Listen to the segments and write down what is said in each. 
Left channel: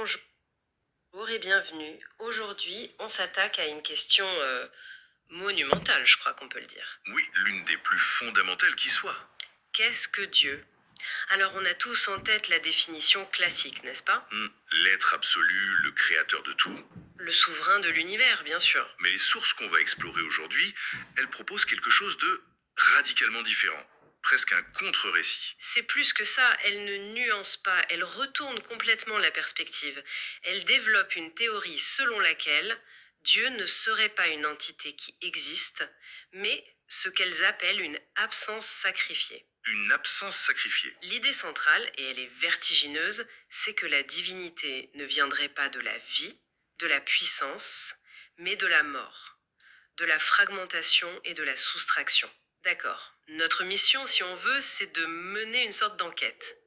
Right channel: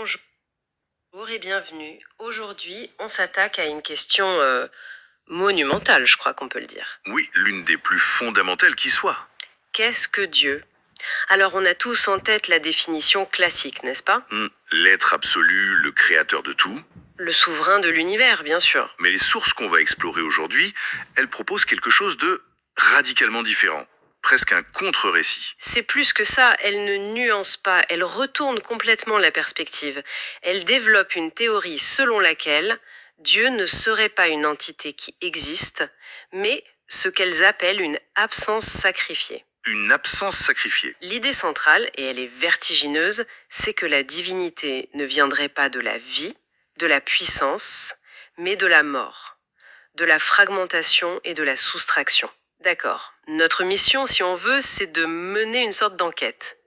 Bonjour et bienvenue. Aujourd'hui, on s'attaque à une question monumentale, je crois qu'on peut le dire. Oui, l'une des plus fondamentales qui soit. Qu'est-ce que Dieu? Alors, on a tous en tête la définition classique, n'est-ce pas? L'être absolu, le créateur de tout. Le souverain de l'univers, bien sûr. Mais les sources qu'on va explorer aujourd'hui, elles proposent quelque chose de radicalement différent. Presque un contre-récit. C'est plus que ça, elle ne nuance pas, elle retourne complètement la perspective. Elle développe une théorie selon laquelle Dieu ne serait pas une entité qui existe, mais ce qu'elles appellent une absence sacrifiée. Une absence sacrifiée. L'idée centrale, et elle est vertigineuse, c'est que la divinité ne viendrait pas de la vie, de la puissance, mais de la mort, de la fragmentation et de la soustraction. D'accord. Notre mission, si on veut, c'est de mener une sorte d'enquête.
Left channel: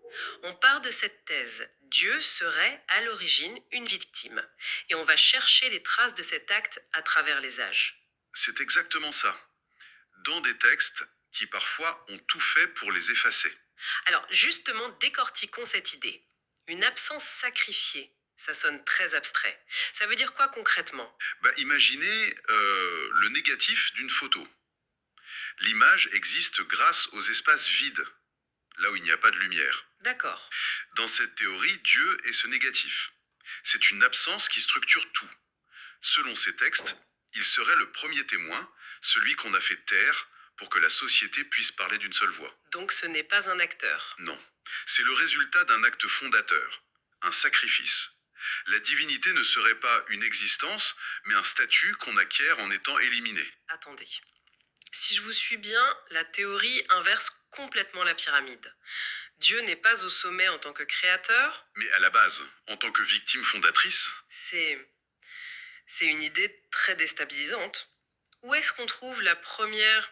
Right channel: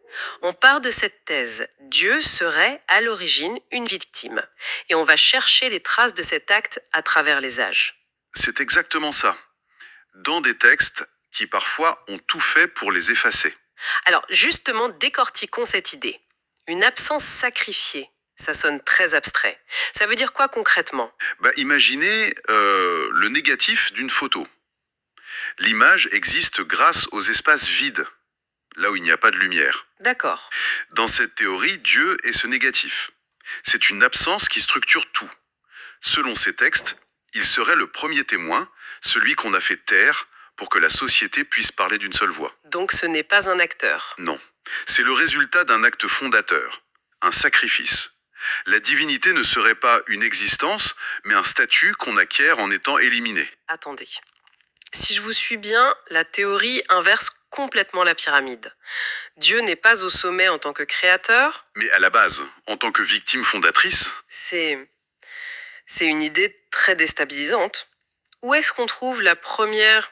On part de cette thèse. Dieu serait, à l'origine, une victime. Et on va chercher les traces de cet acte à travers les âges. C'est exactement ça. Dans des textes qui parfois ont tout fait pour les effacer. Alors, justement, décortiquons cette idée. Une absence sacrifiée, ça sonne très abstrait. Ça veut dire quoi concrètement? Imaginez le négatif d'une photo. L'image existe grâce aux espaces vides, là où il n'y a pas de lumière. D'accord. Dans cette théorie, Dieu est ce négatif. C'est une absence qui structure tout. Selon ces textes, il serait le premier témoin, celui qu'on a fait taire pour que la société puisse parler d'une seule voix. Donc ce n'est pas un acteur. Non, c'est le résultat d'un acte fondateur, un sacrifice. La divinité ne serait pas une existence, mais un statut qu'on acquiert en étant éliminé. Attendez. Si je vous suis bien, la théorie inverse complètement la pyramide. Dieu n'est pas au sommet en tant que créateur, Mais à la base, en tant que victime fondatrice, c'est une idée très déstabilisante. Où est-ce qu'on trouve la première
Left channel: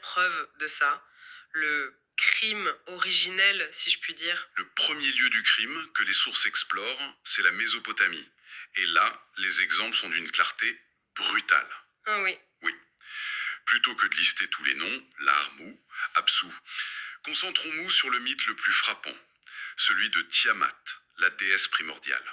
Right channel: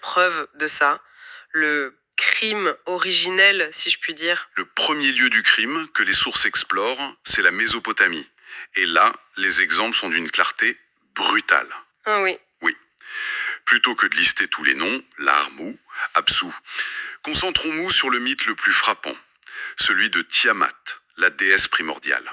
preuve de ça? Le crime originel, si je puis dire. le premier lieu du crime que les sources explorent, c'est la Mésopotamie. Et là, les exemples sont d'une clarté brutale. Ah oui. Oui. Plutôt que de lister tous les noms, Larmou, Apsu, concentrons-nous sur le mythe le plus frappant, celui de Tiamat, la déesse primordiale.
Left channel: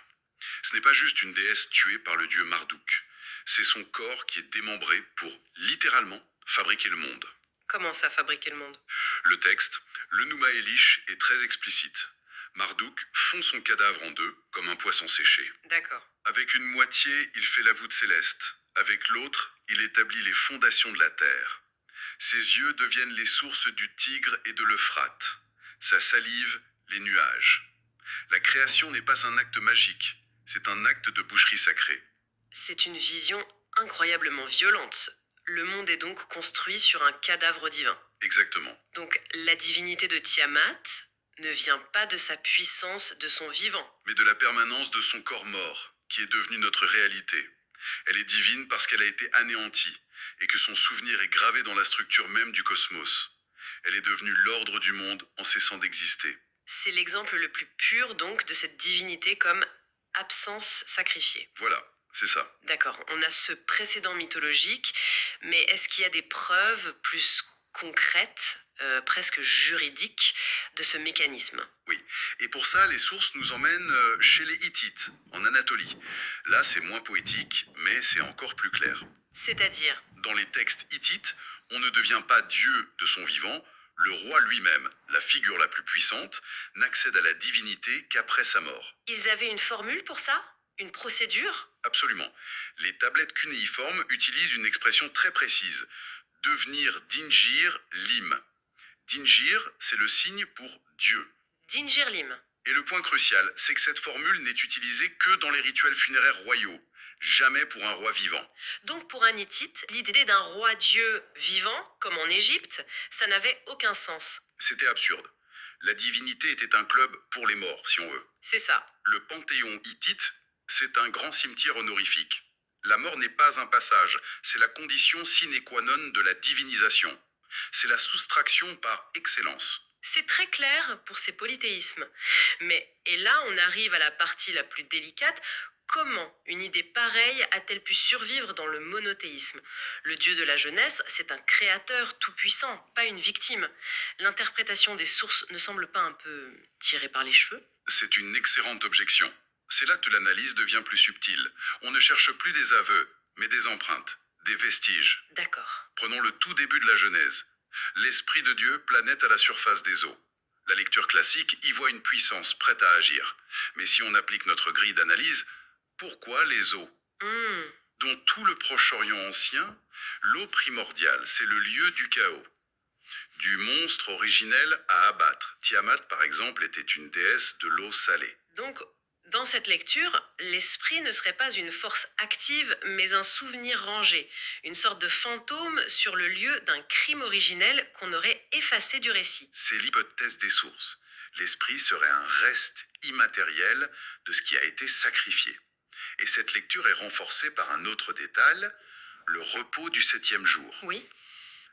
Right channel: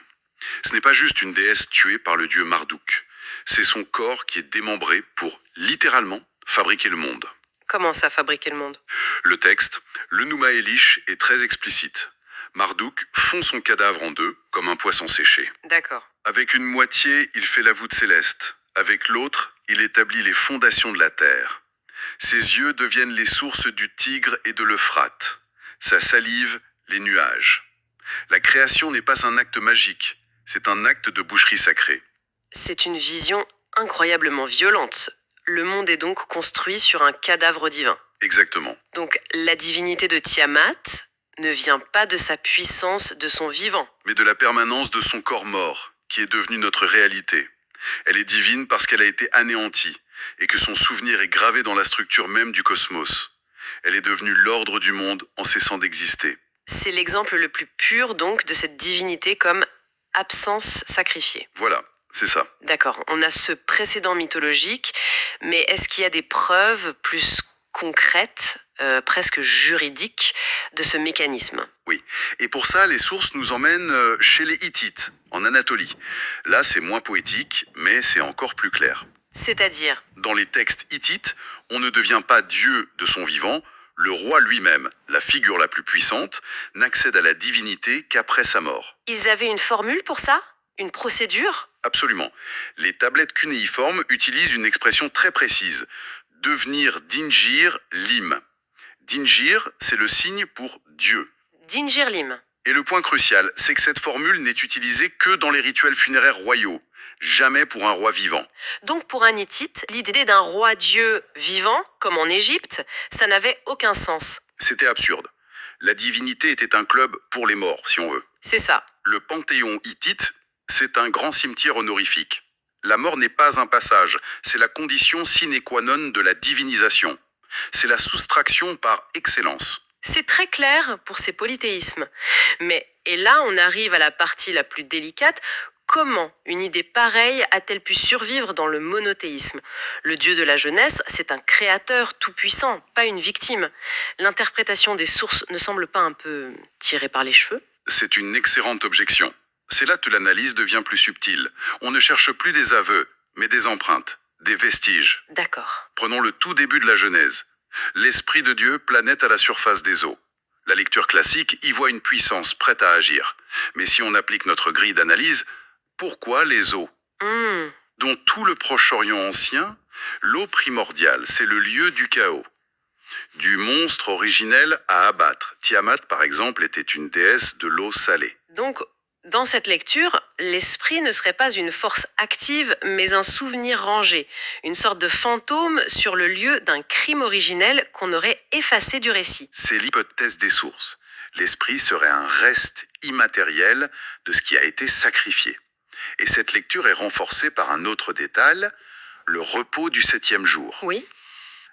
Ce n'est pas juste une déesse tuée par le dieu Marduk, c'est son corps qui est démembré pour, littéralement, fabriquer le monde. Comment ça fabriquer le monde? Le texte, le Nouma Elish, est très explicite. Marduk fond son cadavre en deux, comme un poisson séché. D'accord. Avec une moitié, il fait la voûte céleste. Avec l'autre, il établit les fondations de la terre. Ses yeux deviennent les sources du Tigre et de l'Euphrate. Sa salive, les nuages. La création n'est pas un acte magique, c'est un acte de boucherie sacrée. C'est une vision incroyablement violente. Le monde est donc construit sur un cadavre divin. Exactement. Donc la divinité de Tiamat ne vient pas de sa puissance, de son vivant. Mais de la permanence de son corps mort, qui est devenu notre réalité. Elle est divine parce qu'elle a été anéantie, et que son souvenir est gravé dans la structure même du cosmos. Elle est devenue l'ordre du monde en cessant d'exister. C'est l'exemple le plus pur donc de cette divinité comme absence sacrifiée. Voilà, c'est ça. D'accord, on a ce précédent mythologique, mais est-ce qu'il y a des preuves plus concrètes, presque juridiques, de ce mécanisme? Oui. Et pour ça, les sources nous emmènent chez les Hittites, en Anatolie. Là, c'est moins poétique, mais c'est encore plus clair. C'est-à-dire, Dans les textes hittites, on ne devient pas Dieu de son vivant, le roi lui-même, la figure la plus puissante, n'accède à la divinité qu'après sa mort. ils avaient une formule pour ça? Une procédure? Absolument. Les tablettes cunéiformes utilisent une expression très précise. Devenir Dingir Lim. Dingir, c'est le signe pour Dieu. Dingirlim. Et le point crucial, c'est que cette formule n'est utilisée que dans les rituels funéraires royaux, jamais pour un roi vivant. Donc pour un hittite, l'idée d'un roi-dieu vivant, comme en Égypte, ça n'avait aucun sens. C'était absurde. La divinité était un club pour les morts, si on veut. C'est ça. Le panthéon hittite, c'est un grand cimetière honorifique. La mort n'est pas un passage, c'est la condition sine qua non de la divinisation. C'est la soustraction par excellence. C'est très clair pour ces polythéismes. Mais, et là on arrive à la partie la plus délicate, comment une idée pareille a-t-elle pu survivre dans le monothéisme? Le dieu de la jeunesse, c'est un créateur tout-puissant, pas une victime. L'interprétation des sources ne semble pas un peu tirée par les cheveux? C'est une excellente objection. C'est là que l'analyse devient plus subtile. On ne cherche plus des aveux, mais des empreintes, des vestiges. D'accord. Prenons le tout début de la Genèse. L'Esprit de Dieu planète à la surface des eaux. La lecture classique y voit une puissance prête à agir. Mais si on applique notre grille d'analyse, pourquoi les eaux? Hmm. Dans tout le Proche-Orient ancien, l'eau primordiale, c'est le lieu du chaos. Du monstre originel à abattre. Tiamat, par exemple, était une déesse de l'eau salée. Donc, dans cette lecture, l'esprit ne serait pas une force active, mais un souvenir rangé, une sorte de fantôme sur le lieu d'un crime originel qu'on aurait effacé du récit. C'est l'hypothèse des sources. L'esprit serait un reste immatériel de ce qui a été sacrifié. Et cette lecture est renforcée par un autre détail, le repos du septième jour. Oui.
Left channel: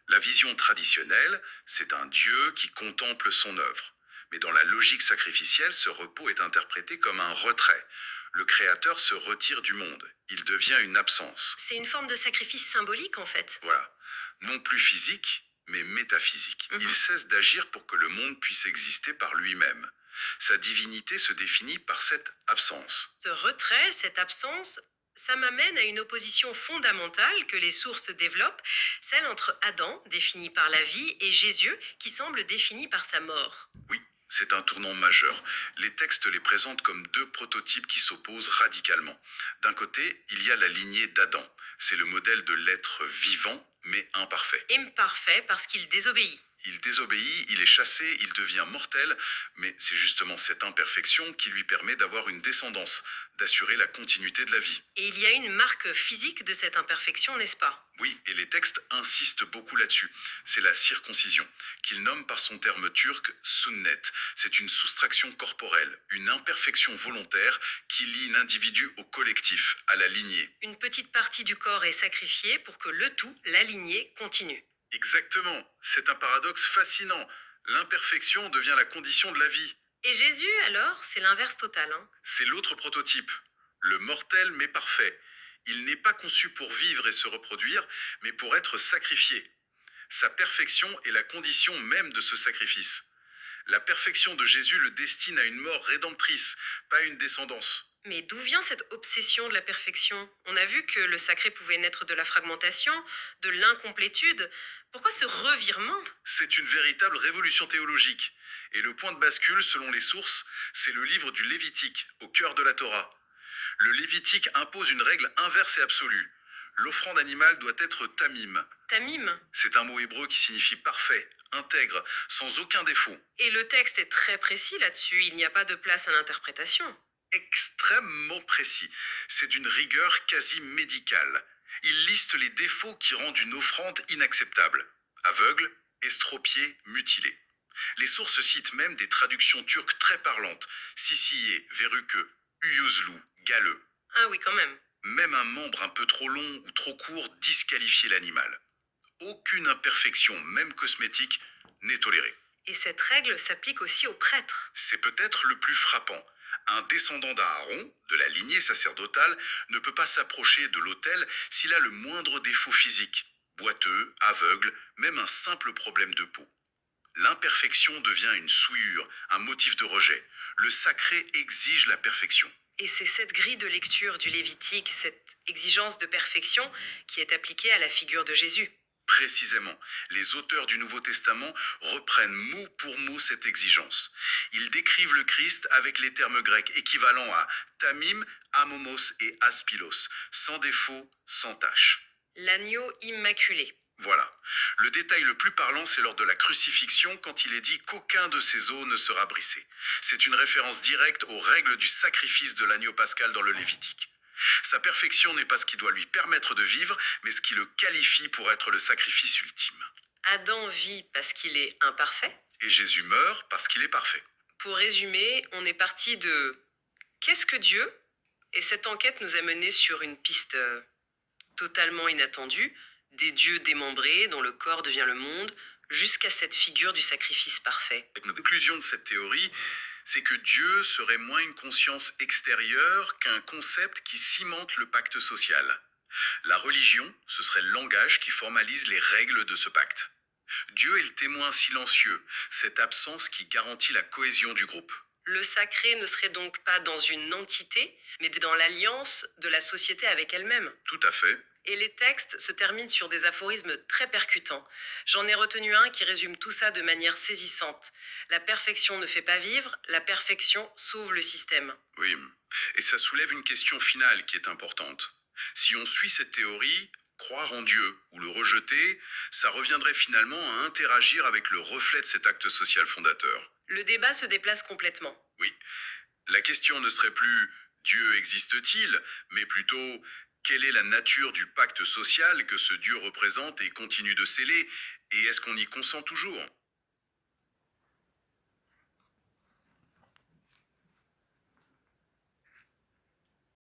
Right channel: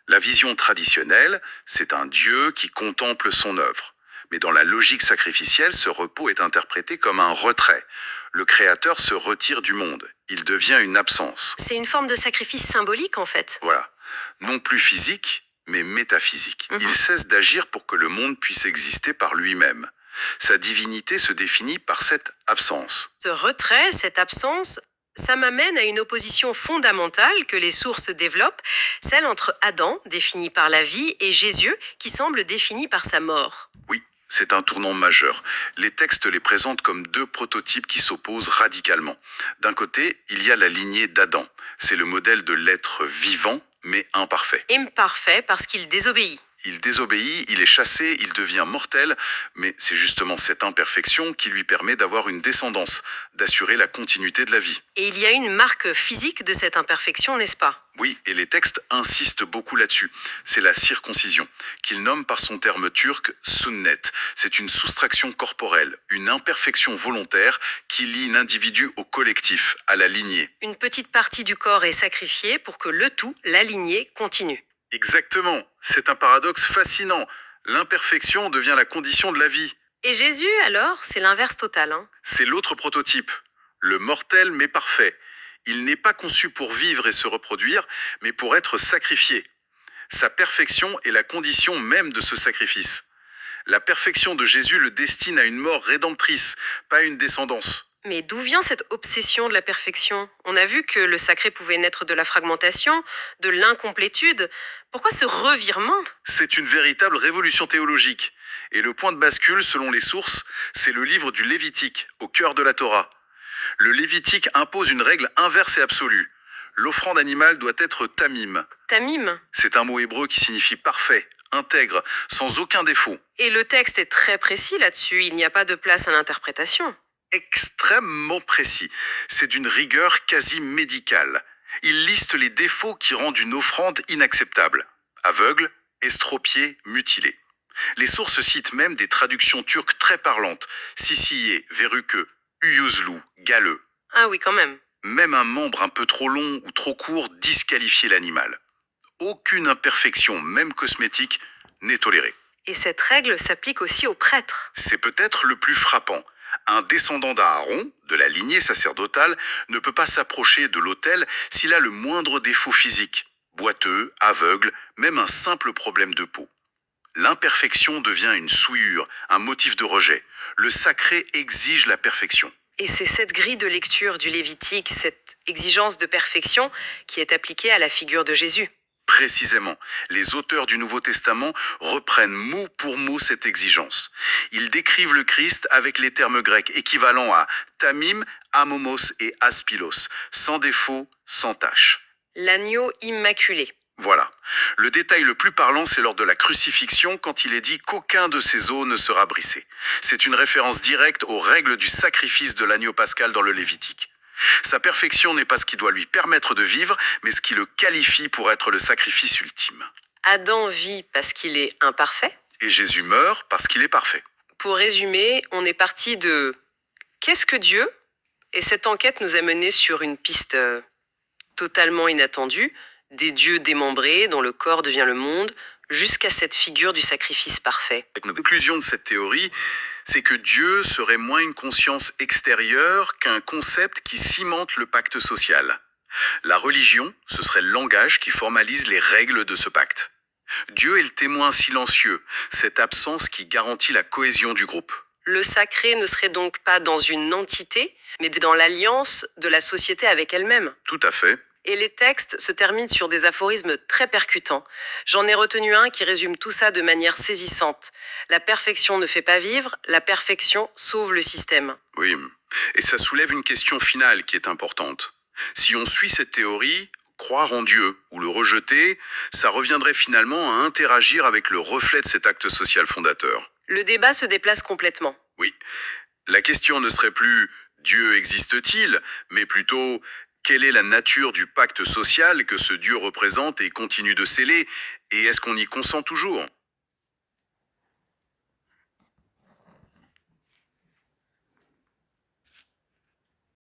La vision traditionnelle, c'est un Dieu qui contemple son œuvre. Mais dans la logique sacrificielle, ce repos est interprété comme un retrait. Le Créateur se retire du monde. Il devient une absence. C'est une forme de sacrifice symbolique, en fait. Voilà. Non plus physique, mais métaphysique. Mhm. Il cesse d'agir pour que le monde puisse exister par lui-même. Sa divinité se définit par cette absence. Ce retrait, cette absence, ça m'amène à une opposition fondamentale que les sources développent, celle entre Adam, défini par la vie, et Jésus, qui semble défini par sa mort. Oui, c'est un tournant majeur. Les textes les présentent comme deux prototypes qui s'opposent radicalement. D'un côté, il y a la lignée d'Adam. C'est le modèle de l'être vivant, mais imparfait. Imparfait parce qu'il désobéit. Il désobéit, il est chassé, il devient mortel, mais c'est justement cette imperfection qui lui permet d'avoir une descendance, d'assurer la continuité de la vie. Et il y a une marque physique de cette imperfection, n'est-ce pas? Oui, et les textes insistent beaucoup là-dessus. C'est la circoncision, qu'il nomme par son terme turc sunnet. C'est une soustraction corporelle, une imperfection volontaire qui lie l'individu au collectif, à la lignée. Une petite partie du corps est sacrifiée pour que le tout, la lignée, continue. Exactement, c'est un paradoxe fascinant. L'imperfection devient la condition de la vie. Et Jésus, alors, c'est l'inverse total, hein? C'est l'autre prototype, le mortel mais parfait. Il n'est pas conçu pour vivre et se reproduire, mais pour être sacrifié. Sa perfection est la condition même de ce sacrifice. La perfection de Jésus le destine à une mort rédemptrice, pas à une descendance. Mais d'où vient cette obsession de la perfection? On a vu que le sacré pouvait naître de la fragmentation, de l'incomplétude. Pourquoi ce revirement? C'est une véritable révolution théologique. Et le point de bascule, selon les sources, c'est le livre du Lévitique, au cœur de la Torah. Le Lévitique impose une règle inverse et absolue. L'offrande animale doit être tamim. Tamim. C'est un mot hébreu qui signifie parfait, intègre, sans aucun défaut. Et le texte est très précis là-dessus, il n'y a pas de place à l'interprétation. Extrêmement précis. C'est d'une rigueur quasi médicale. Il liste les défauts qui rendent une offrande inacceptable. Aveugle, estropié, mutilé. Les sources citent même des traductions turques très parlantes. Sisiyé, verruqueux, uyuzlu, galeux. Ah oui, quand même. Même un membre un peu trop long ou trop court disqualifiait l'animal. Aucune imperfection, même cosmétique, n'est tolérée. Et cette règle s'applique aussi aux prêtres. C'est peut-être le plus frappant. Un descendant d'Aaron, de la lignée sacerdotale, ne peut pas s'approcher de l'autel s'il a le moindre défaut physique, boiteux, aveugle, même un simple problème de peau. L'imperfection devient une souillure, un motif de rejet. Le sacré exige la perfection. Et c'est cette grille de lecture du Lévitique, cette exigence de perfection, qui est appliquée à la figure de Jésus. Précisément, les auteurs du Nouveau Testament reprennent mot pour mot cette exigence. Ils décrivent le Christ avec les termes grecs équivalents à tamim, amomos et aspilos, sans défaut, sans tache. L'agneau immaculé. Voilà. Le détail le plus parlant, c'est lors de la crucifixion, quand il est dit qu'aucun de ses os ne sera brisé. C'est une référence directe aux règles du sacrifice de l'agneau pascal dans le Lévitique. Sa perfection n'est pas ce qui doit lui permettre de vivre, mais ce qui le qualifie pour être le sacrifice ultime. Adam vit parce qu'il est imparfait. Et Jésus meurt parce qu'il est parfait. Pour résumer, on est parti de qu'est-ce que Dieu? Et cette enquête nous a menés sur une piste totalement inattendue, des dieux démembrés dont le corps devient le monde, jusqu'à cette figure du sacrifice parfait. La conclusion de cette théorie, c'est que Dieu serait moins une conscience extérieure qu'un concept qui cimente le pacte social. La religion, ce serait le langage qui formalise les règles de ce pacte. Dieu est le témoin silencieux, cette absence qui garantit la cohésion du groupe. Le sacré ne serait donc pas dans une entité, mais dans l'alliance de la société avec elle-même. Tout à fait. Et les textes se terminent sur des aphorismes très percutants. J'en ai retenu un qui résume tout ça de manière saisissante. La perfection ne fait pas vivre, la perfection sauve le système. Oui. Et ça soulève une question finale qui est importante. Si on suit cette théorie, croire en Dieu ou le rejeter, ça reviendrait finalement à interagir avec le reflet de cet acte social fondateur. Le débat se déplace complètement. Oui. La question ne serait plus Dieu existe-t-il, mais plutôt quelle est la nature du pacte social que ce Dieu représente et continue de sceller, et est-ce qu'on y consent toujours?